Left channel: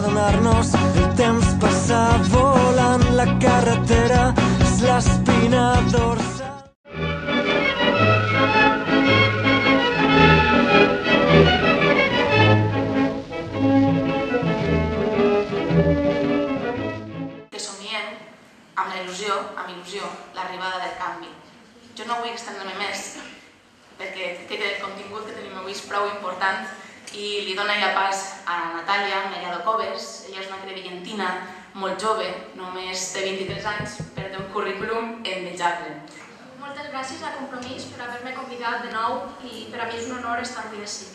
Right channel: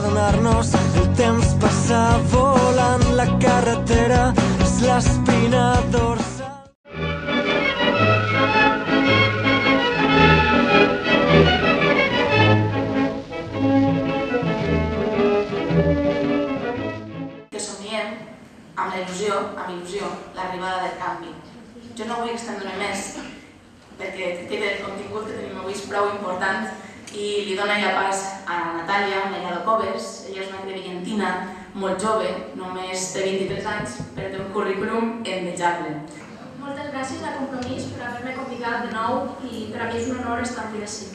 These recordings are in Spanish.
adonar-nos, el temps passa volant, la carretera és l'espina dorsal. Que somiem amb il·lusió, l'arribada del canvi. Jo no vull estendre-me més, perquè crec que el contingut que tenim avui és prou important i li dona ja pas a Natàlia Mellado Coves. Ella és una crevillentina molt jove, només té 23 anys, però té un currículum envejable. Moltes gràcies a Compromís per haver-me convidat de nou i per a mi és un honor estar aquí ací.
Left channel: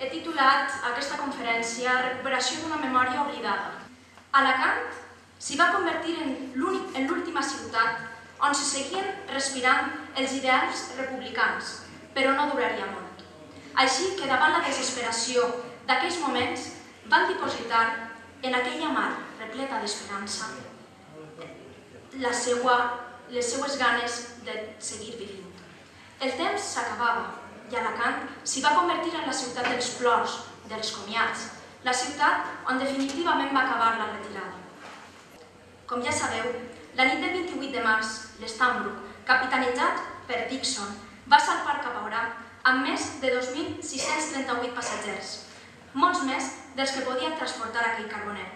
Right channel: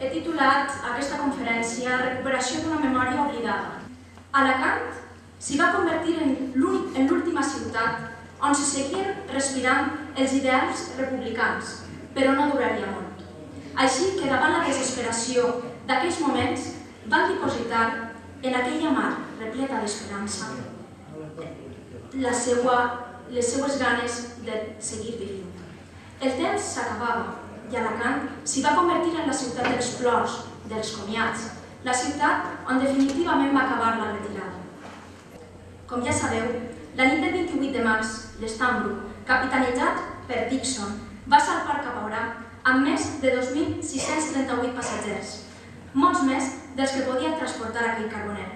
He titulat aquesta conferència Recuperació d'una memòria oblidada. Alacant s'hi va convertir en l'última ciutat on se seguien respirant els ideals republicans, però no duraria molt. Així que davant la desesperació d'aquells moments van dipositar en aquella mar repleta d'esperança les seues ganes de seguir vivint. El temps s'acabava i Alacant s'hi va convertir en la ciutat dels plors, dels comiats, la ciutat on definitivament va acabar la retirada. Com ja sabeu, la nit del 28 de març, l'Stambrook, capitanitzat per Dixon, va salpar cap a Orà amb més de 2.638 passatgers, molts més dels que podien transportar aquell carboner.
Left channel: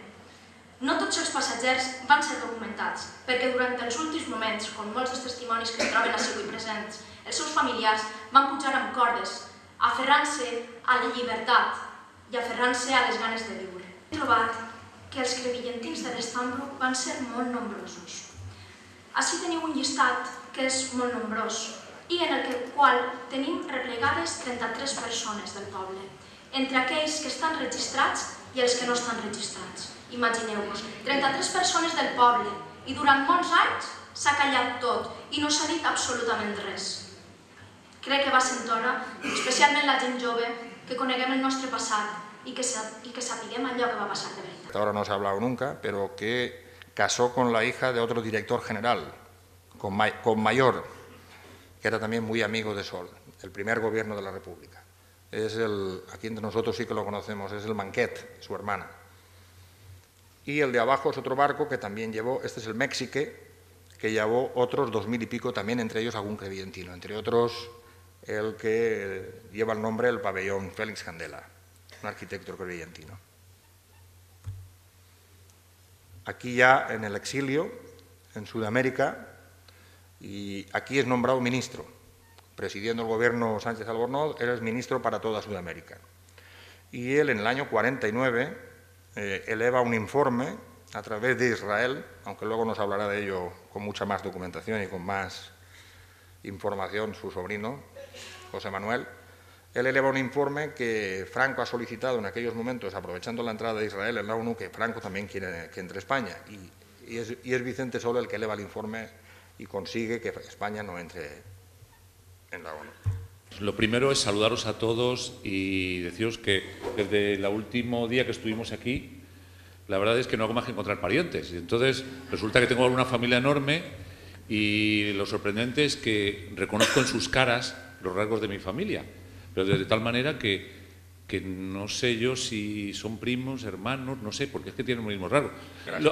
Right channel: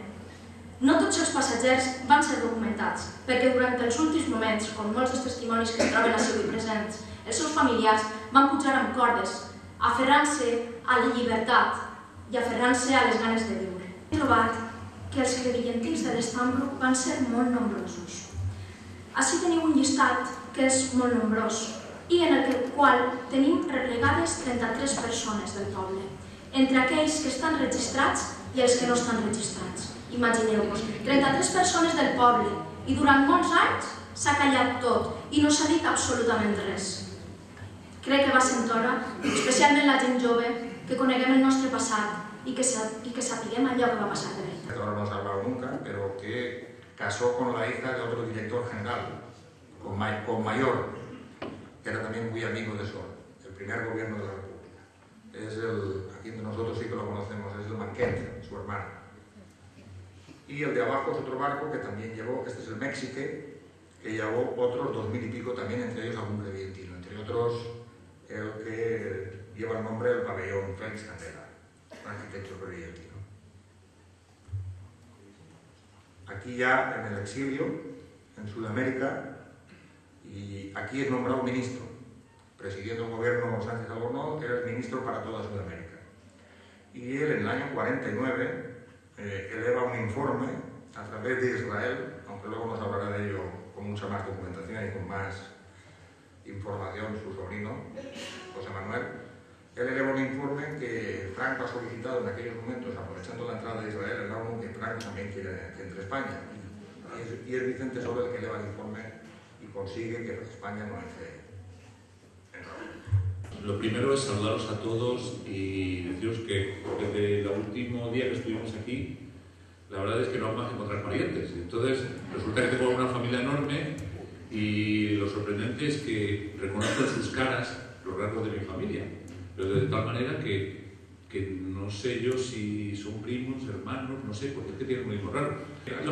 No tots els passatgers van ser documentats, perquè durant els últims moments, com molts dels testimonis que es troben ací avui presents, els seus familiars van pujar amb cordes, aferrant-se a la llibertat i aferrant-se a les ganes de viure. He trobat que els crevillentins de l'Stambrook van ser molt nombrosos. Ací teniu un llistat que és molt nombrós i en el qual tenim replegades 33 persones del poble, entre aquells que estan registrats i els que no estan registrats. Imagineu-vos, 33 persones del poble i durant molts anys s'ha callat tot i no s'ha dit absolutament res. Crec que va ser hora, especialment la gent jove, que coneguem el nostre passat y que sapiguem allò que va passar de veritat. Ahora no se ha hablado nunca, pero que casó con la hija de otro director general, con Mayor, que era también muy amigo de Sol, el primer gobierno de la República. Aquí entre nosotros sí que lo conocemos, es el Manquet, su hermana. Y el de abajo es otro barco que también llevó, este es el Méxique, que llevó otros 2000 y pico, también entre ellos algún crevillentino, entre otros el que lleva el nombre del pabellón, Félix Candela, un arquitecto crevillentino. Aquí ya en el exilio, en Sudamérica, y aquí es nombrado ministro, presidiendo el gobierno Sánchez Albornoz, era el ministro para toda Sudamérica. Y él en el año 49 eleva un informe a través de Israel, aunque luego nos hablará de ello con mucha más documentación y con más información su sobrino, José Manuel. Él eleva un informe que Franco ha solicitado en aquellos momentos, aprovechando la entrada de Israel en la ONU, que Franco también quiere que entre España. Y es Vicente Solo el que eleva el informe y consigue que España no entre en la ONU. Lo primero es saludaros a todos y deciros que desde el último día que estuvimos aquí, la verdad es que no hago más que encontrar parientes. Entonces, resulta que tengo una familia enorme y lo sorprendente es que reconozco en sus caras los rasgos de mi familia. Pero de tal manera que no sé yo si son primos, hermanos, no sé, porque es que tienen los mismos rasgos.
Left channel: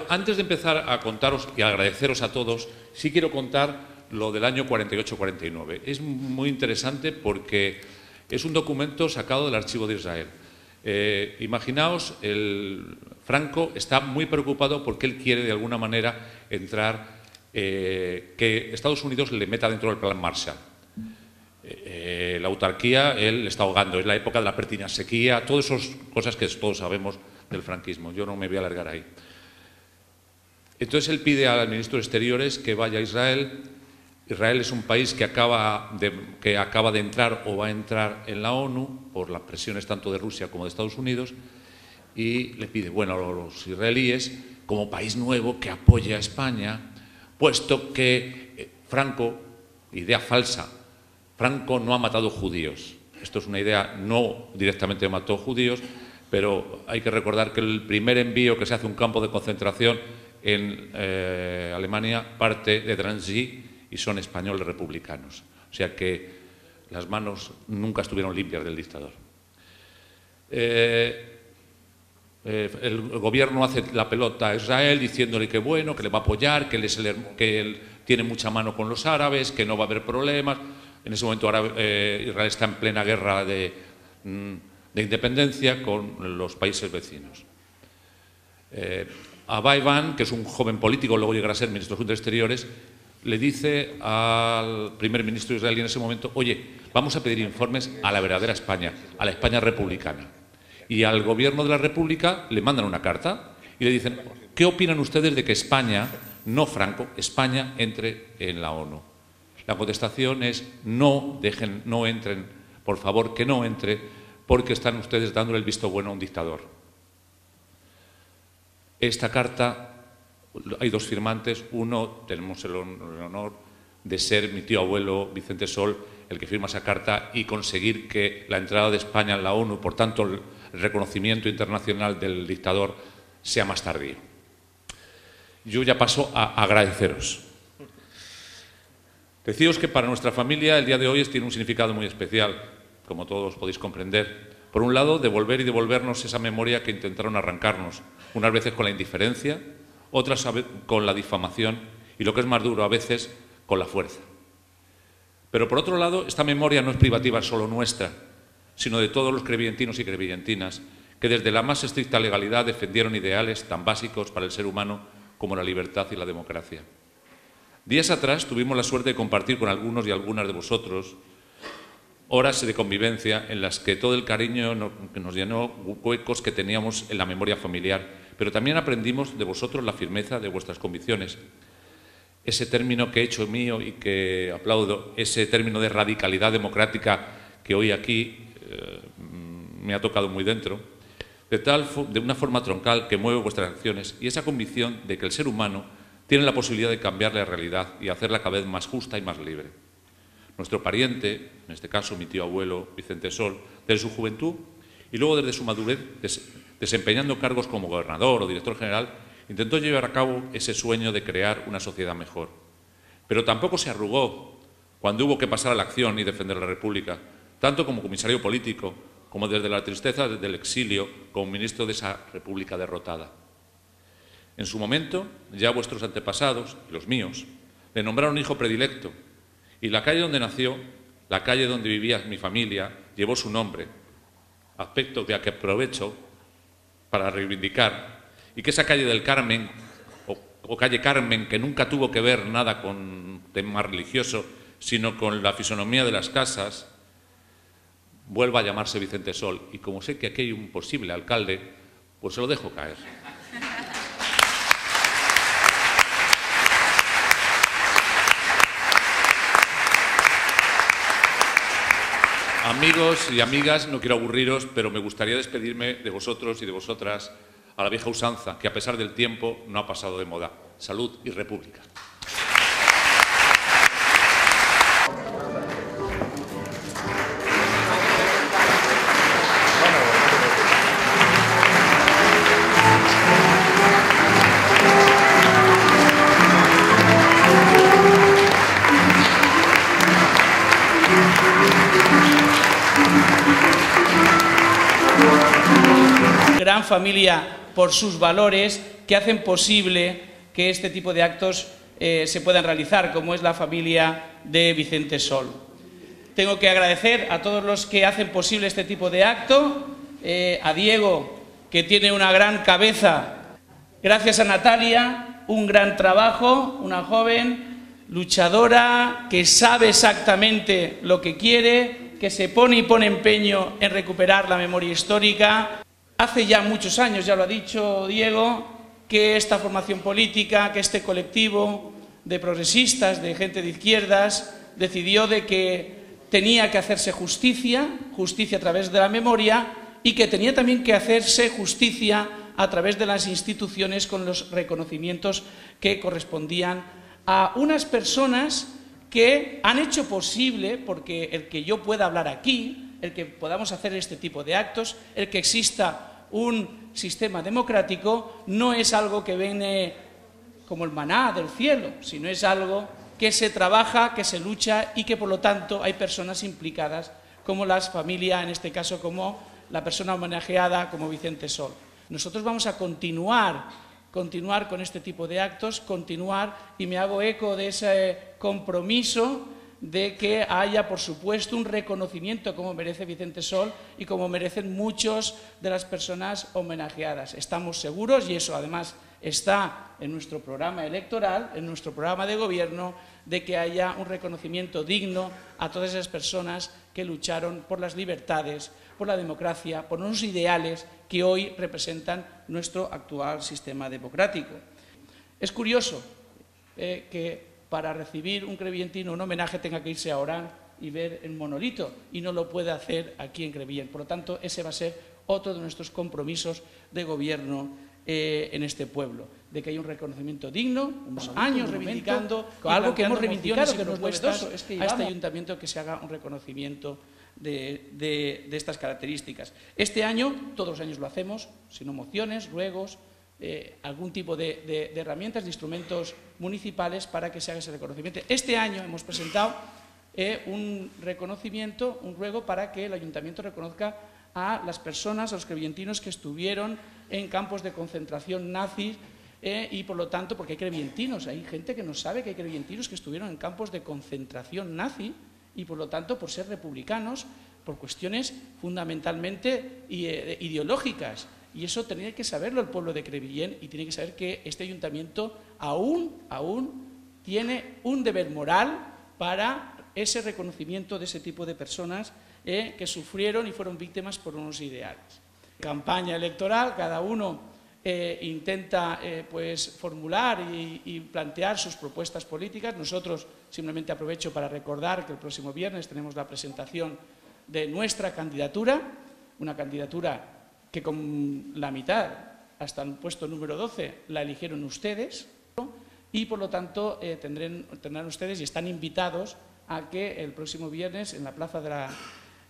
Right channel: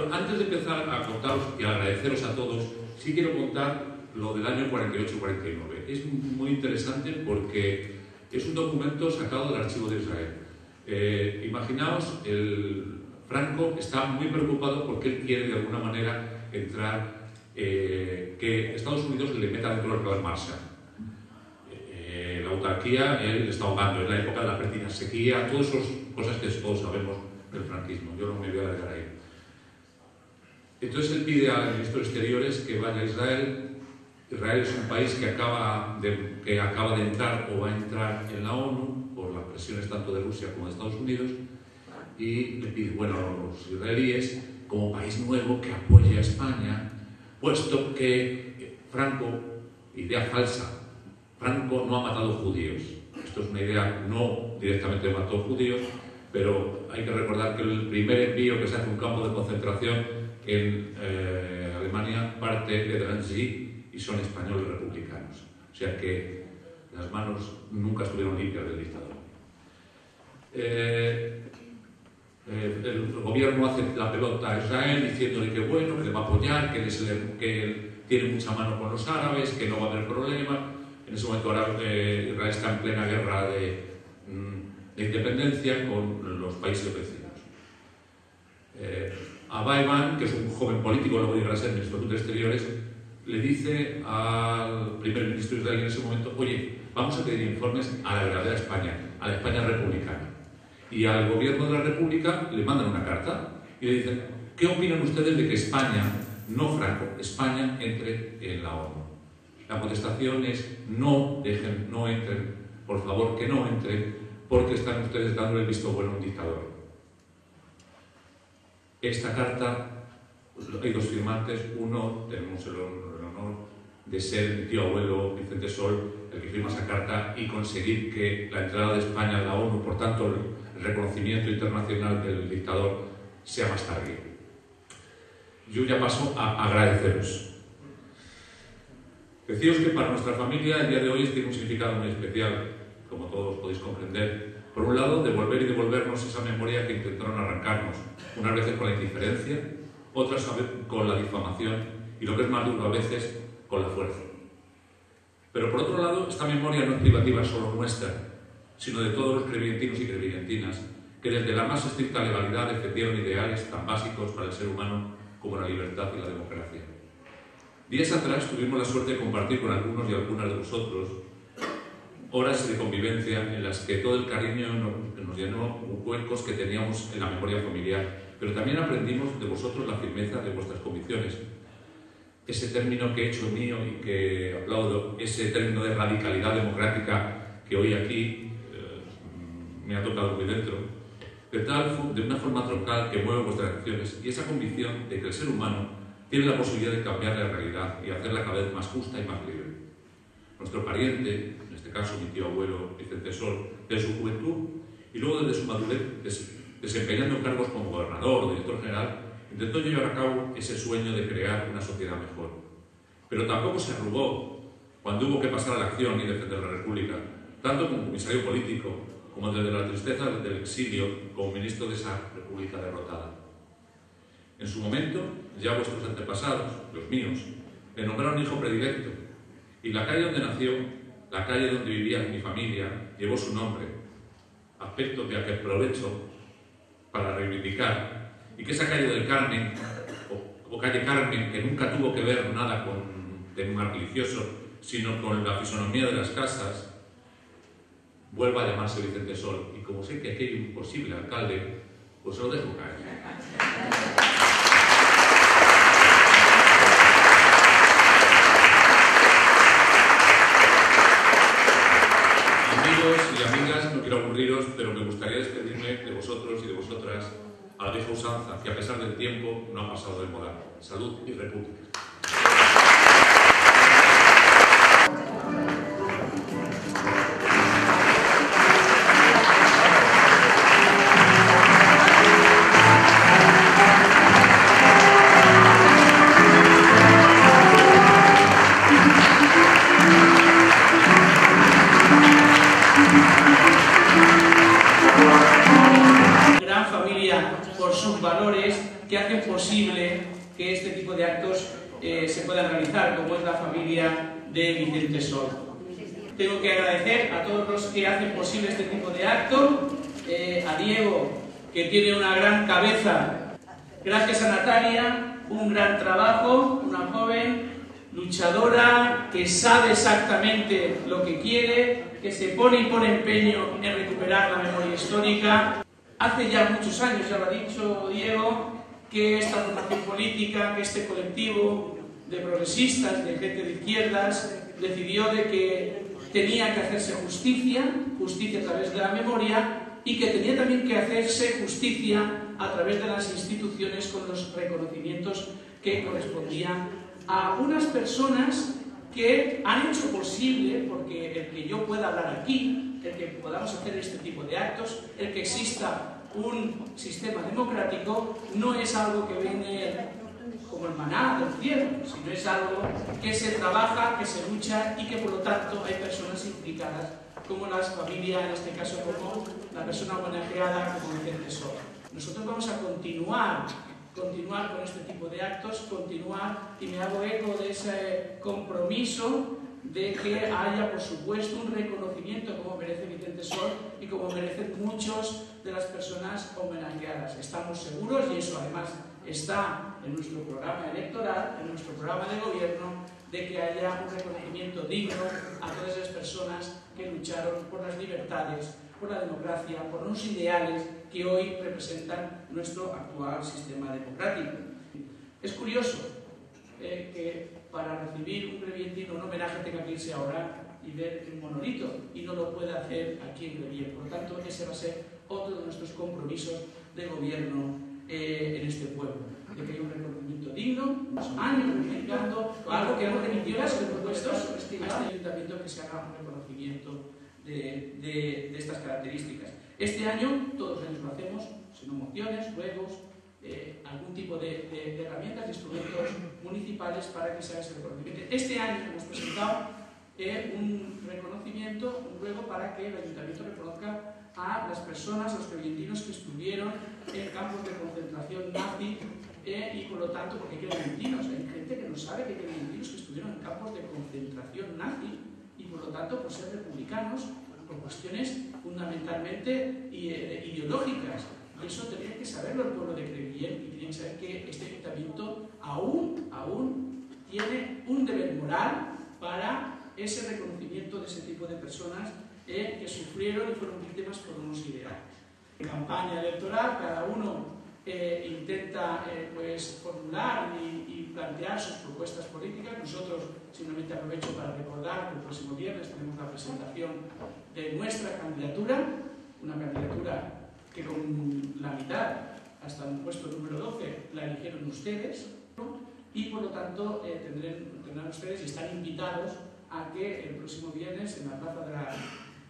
Antes de empezar a contaros y agradeceros a todos, sí quiero contar lo del año 48-49. Es muy interesante porque es un documento sacado del archivo de Israel. Imaginaos, Franco está muy preocupado porque él quiere de alguna manera entrar, que Estados Unidos le meta dentro del plan Marshall. La autarquía, él está ahogando, es la época de la pertinaz sequía, todas esas cosas que todos sabemos del franquismo. Yo no me voy a alargar ahí. Entonces él pide al ministro de Exteriores que vaya a Israel. Israel es un país que acaba de entrar o va a entrar en la ONU por las presiones tanto de Rusia como de Estados Unidos, y le pide, bueno, a los israelíes, como país nuevo, que apoye a España, puesto que Franco, idea falsa, Franco no ha matado judíos. Esto es una idea, no directamente mató judíos, pero hay que recordar que el primer envío que se hace a un campo de concentración en Alemania parte de Drancy y son españoles republicanos. O sea que las manos nunca estuvieron limpias del dictador. el gobierno hace la pelota a Israel diciéndole que bueno, que le va a apoyar, que él tiene mucha mano con los árabes, que no va a haber problemas. En ese momento Israel está en plena guerra de independencia con los países vecinos. Abay Ban, que es un joven político, luego llegará a ser ministro de Asuntos Exteriores, le dice al primer ministro israelí en ese momento: oye, vamos a pedir informes a la verdadera España, a la España republicana. Y al gobierno de la República le mandan una carta y le dicen: ¿qué opinan ustedes de que España, no Franco, España entre en la ONU? La contestación es: no entren, por favor, que no entren, porque están ustedes dándole el visto bueno a un dictador. Esta carta, hay dos firmantes. Uno, tenemos el honor de ser mi tío abuelo Vicente Sol el que firma esa carta y conseguir que la entrada de España en la ONU, por tanto el reconocimiento internacional del dictador, sea más tardío. Yo ya paso a agradeceros. Deciros que para nuestra familia el día de hoy tiene un significado muy especial, como todos podéis comprender. Por un lado, devolver y devolvernos esa memoria que intentaron arrancarnos, unas veces con la indiferencia, otras con la difamación y, lo que es más duro, a veces con la fuerza. Pero por otro lado, esta memoria no es privativa solo nuestra, sino de todos los crevillentinos y crevillentinas que desde la más estricta legalidad defendieron ideales tan básicos para el ser humano como la libertad y la democracia. Días atrás tuvimos la suerte de compartir con algunos y algunas de vosotros horas de convivencia en las que todo el cariño que nos llenó huecos que teníamos en la memoria familiar, pero también aprendimos de vosotros la firmeza de vuestras convicciones. Ese término que he hecho mío y que aplaudo, ese término de radicalidad democrática que hoy aquí me ha tocado muy dentro, de una forma troncal que mueve vuestras acciones, y esa convicción de que el ser humano tiene la posibilidad de cambiar la realidad y hacerla cada vez más justa y más libre. Nuestro pariente, en este caso mi tío abuelo Vicente Sol, desde su juventud y luego desde su madurez, desempeñando cargos como gobernador o director general, intentó llevar a cabo ese sueño de crear una sociedad mejor. Pero tampoco se arrugó cuando hubo que pasar a la acción y defender la República, tanto como comisario político, como desde la tristeza del exilio, como ministro de esa República derrotada. En su momento, ya vuestros antepasados, los míos, le nombraron hijo predilecto, y la calle donde nació, la calle donde vivía mi familia, llevó su nombre, aspecto que aprovecho para reivindicar, y que esa calle del Carmen, o calle Carmen, que nunca tuvo que ver nada con tema religioso, sino con la fisonomía de las casas, vuelva a llamarse Vicente Sol. Y como sé que aquí hay un posible alcalde, pues se lo dejo caer. Amigos y amigas, no quiero aburriros, pero me gustaría despedirme de vosotros y de vosotras a la vieja usanza, que a pesar del tiempo no ha pasado de moda. Salud y república. Gran familia por sus valores que hacen posible que este tipo de actos se puedan realizar, como es la familia de Vicente Sol. Tengo que agradecer a todos los que hacen posible este tipo de acto, a Diego, que tiene una gran cabeza, gracias a Natalia, un gran trabajo, una joven luchadora que sabe exactamente lo que quiere, que se pone y pone empeño en recuperar la memoria histórica. Hace ya muchos años, ya lo ha dicho Diego, que esta formación política, que este colectivo de progresistas, de gente de izquierdas, decidió de que tenía que hacerse justicia a través de la memoria, y que tenía también que hacerse justicia a través de las instituciones con los reconocimientos que correspondían a unas personas que han hecho posible, porque el que yo pueda hablar aquí, el que podamos hacer este tipo de actos, el que exista un sistema democrático, no es algo que viene como el maná del cielo, sino es algo que se trabaja, que se lucha, y que por lo tanto hay personas implicadas, como las familias, en este caso como la persona homenajeada, como Vicente Sol. Nosotros vamos a continuar con este tipo de actos, y me hago eco de ese compromiso de que haya, por supuesto, un reconocimiento como merece Vicente Sol y como merecen muchos de las personas homenajeadas. Estamos seguros, y eso además está en nuestro programa electoral, en nuestro programa de gobierno, de que haya un reconocimiento digno a todas esas personas que lucharon por las libertades, por la democracia, por unos ideales que hoy representan nuestro actual sistema democrático. Es curioso que para recibir un crevientino un homenaje tenga que irse a Orán y ver el monolito, y no lo puede hacer aquí en Crevillent. Por lo tanto, ese va a ser otro de nuestros compromisos de gobierno en este pueblo, de que haya un reconocimiento digno, unos años reivindicando algo que hemos reivindicado, que nos cuesta a este ayuntamiento, que se haga un reconocimiento de estas características. Este año, todos los años lo hacemos, sino mociones, ruegos, algún tipo de herramientas, de instrumentos municipales para que se haga ese reconocimiento. Este año hemos presentado un reconocimiento, un ruego para que el ayuntamiento reconozca a las personas, a los crevientinos que estuvieron en campos de concentración nazis, y por lo tanto, porque hay crevientinos, hay gente que no sabe que hay crevientinos que estuvieron en campos de concentración nazi, y por lo tanto, por ser republicanos, por cuestiones fundamentalmente ideológicas. Y eso tenía que saberlo el pueblo de Crevillent, y tiene que saber que este ayuntamiento aún tiene un deber moral para ese reconocimiento de ese tipo de personas que sufrieron y fueron víctimas por unos ideales. Campaña electoral, cada uno intenta pues formular y plantear sus propuestas políticas. Nosotros simplemente aprovecho para recordar que el próximo viernes tenemos la presentación de nuestra candidatura, una candidatura que con la mitad, hasta el puesto número 12, la eligieron ustedes, y por lo tanto tendrán ustedes, y están invitados a que el próximo viernes en la plaza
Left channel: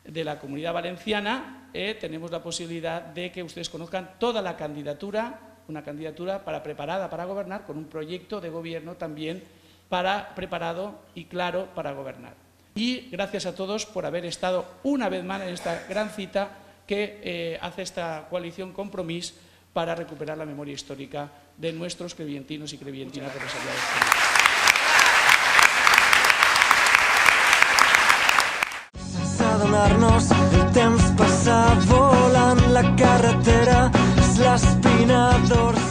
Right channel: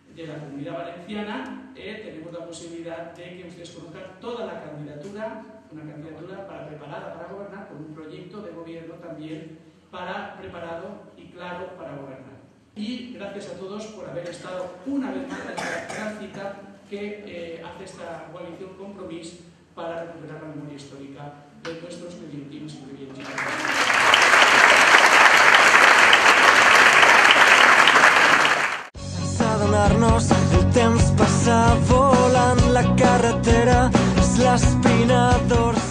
de la Comunidad Valenciana tenemos la posibilidad de que ustedes conozcan toda la candidatura, una candidatura preparada para gobernar, con un proyecto de gobierno también preparado y claro para gobernar. Y gracias a todos por haber estado una vez más en esta gran cita que hace esta coalición Compromís para recuperar la memoria histórica de nuestros crevientinos i crevientinas. Sense adonar-nos, el temps passa volant, la carretera és l'espina dorsal.